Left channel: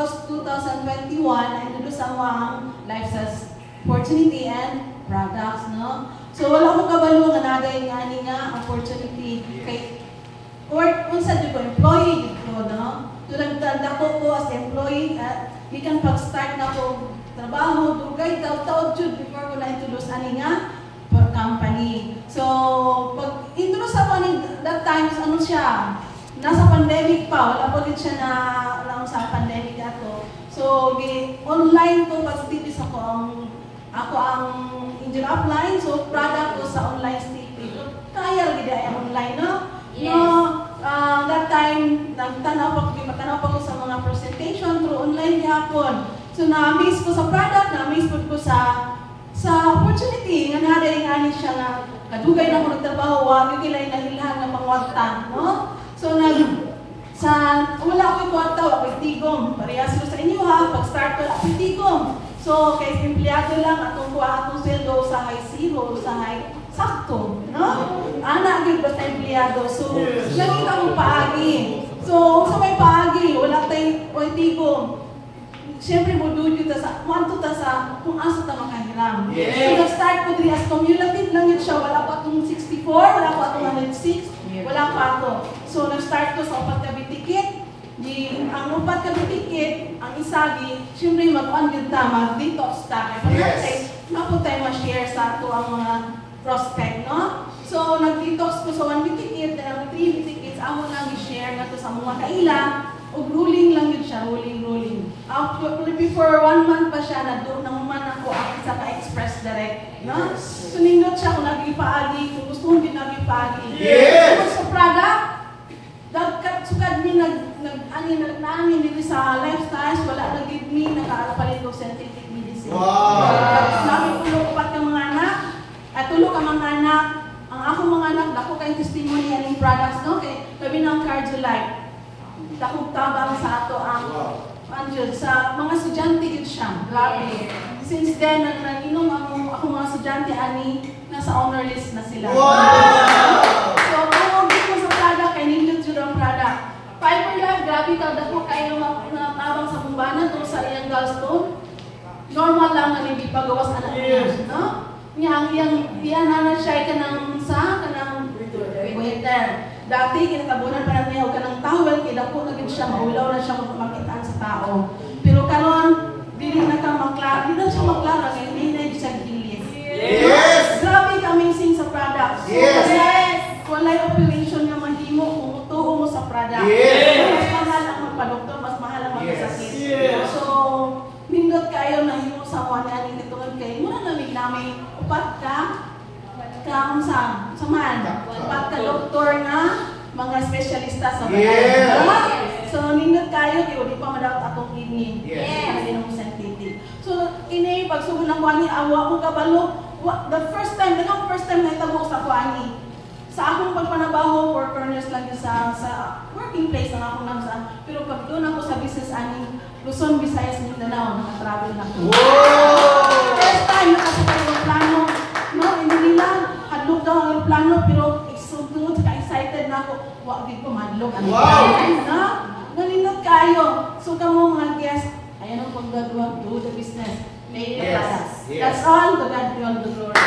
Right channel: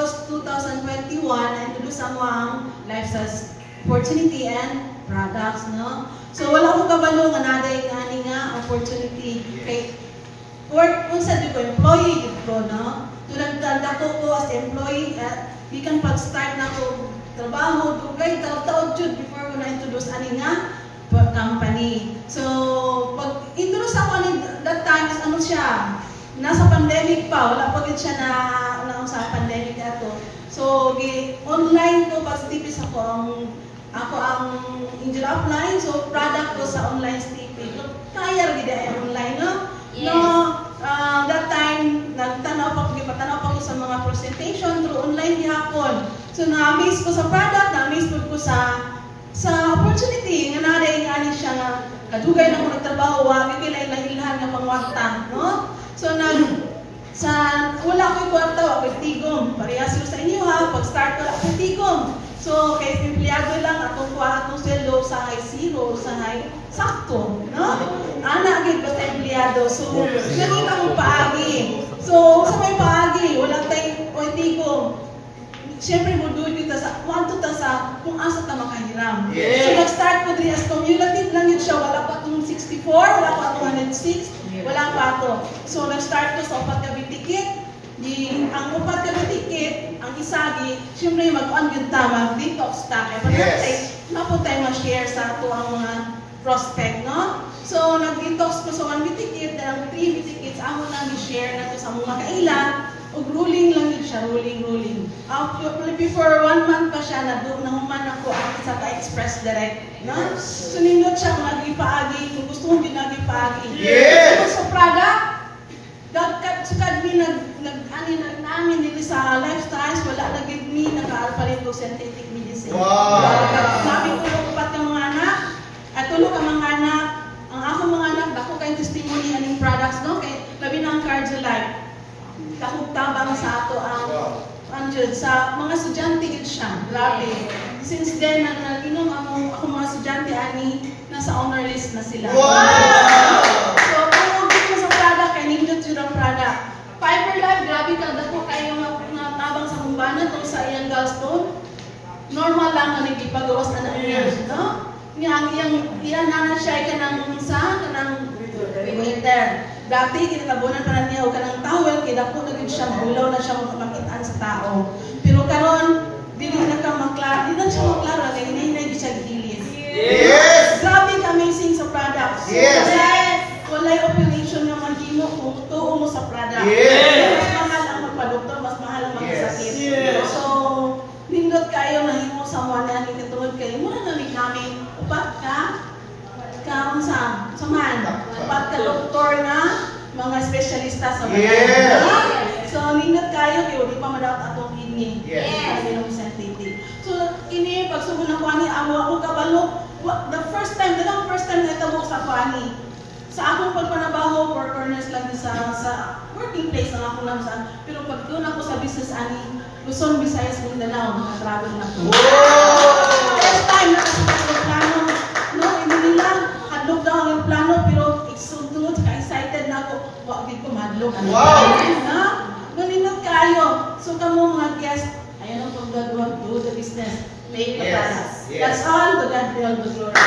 August 2021, ay tulo sa mga lifestyle opportunity and products, no? So wala ko kabalo nga naday nga opportunity kay work unsa jud ko employee jud ko, no? Tulad tanda ko as employee gikan pag-start na ko trabaho dugay taud jud before ko na introduce ani nga company. So pag introduce ako ni that time ano siya, nasa pandemic pa, wala pa gid siya na sa pandemic ato. So online ko pag-tipis ako ang engine upline, so product ko sa online stipping. So, kaya rin ay online, no? Yes. No, that time, nagtanaw pa ko sa mga presentation through online gihapon. So, na-amaze ko sa product, na-amaze ko sa opportunity. Nga naday nga ni siya na kadugay na ako nagtrabaho, wag yung kinailahilahan ng pangwagtang, no? So, wala ko'y kwarta, wala ko'y tigom. Parehas sila sa inyo, ha? Pag-start ko, wala ko'y tigom. So, kay empleyado lang akong kuha akong sweldo sa high zero, sa high sakto, no? Anak gid basta empleyado. So, nakita mo paagi. So, sa may paagi, wala tayong oitigo. Siyempre mo doon kita sa kwanto ta sa kung asa ta makahiram. So, nag-start ko diri as cumulative lang yun siya. Wala pa itong 64, wala pa itong 106, wala pa ako. So, nag-start ko sa upat ka bitikit. Ang upat ka bitikit, ang isagi, siyempre mag-on yun ta, mag-detox ta. Kaya pag-natin, napo tayo ma-share sa ito ang mga prospect, no? So, nag-detox ko sa 1 bitikit, and ang 3 bitikits, ako lang i-share na ito sa mga kailan, o rolling lang yun siya, rolling. Before 1 month pa siya, nahuman ako at sa ka-express direct, no? So, nindot siya kung nag-ipaagi, kung gusto mong din nag-ipaagi. So, sa product, sukad mi nag-amin dito sa lifestyles, wala na give me, nakapalit ko synthetic medicine. Sabi ko, upat ka mga anak, at tulo ka mga anak, ang ako mga anak, dako kayong testimony aning products, no? Kaya labi ng Cardiolife, dako tabang sa ato ang anjud, sa mga estudyante gid siya, grabe. Since then, nag-inom ako mga estudyante, ani, nasa honor list na sila. So, kung mo sa product, kay nindot yun ang product. Fiber Life, grabe ka, dako kayo natabang sa bumbanan itong sa iyang gallstone. Normal lang na nagipagawas na niya, no? Iyang nanan siya ka ng waiter. Dati, kinatabunan pa na niya, huwag ka ng towel, kidako na siya, maulaw na siya makitaan sa tao. Pero karon, dili na ka maklara, di na siya maklara, kaya hindi siya gilis. Grabe ka-amazing sa products. Walay operation na mahimo kung tuo mo sa product. Mas mahal ang magpa-doktor, mas mahal ang magsasakit. So, nindot kayo na himo sa wala ng kitulad kayo. Muna nalig namin, upat ka samahan. Upat ka doktor na mga espesyalista sa balay. So, nindot kayo, kaya di pa madawat akong ini. Kasi nung synthetic. So, ini, pag sumo na ko ani, awa ko kabalo, the first time na itamo sa ko ani. Sa akong pagpanabaho, workers lang sa working place ang ako lang sa. Pero pag doon ako sa business ani, Luzon, Visayas, Mindanao, makatravel na ako. First time nakasita yung plano, no? Hindi nila, hadlok daw ang plano, pero tungod ka-excited na ako, wag di ko madlok. Na? Maninot kayo. So kamo mga guest, ayun ang pag-God will do the business. Make it us. That's all, to God be all the glory.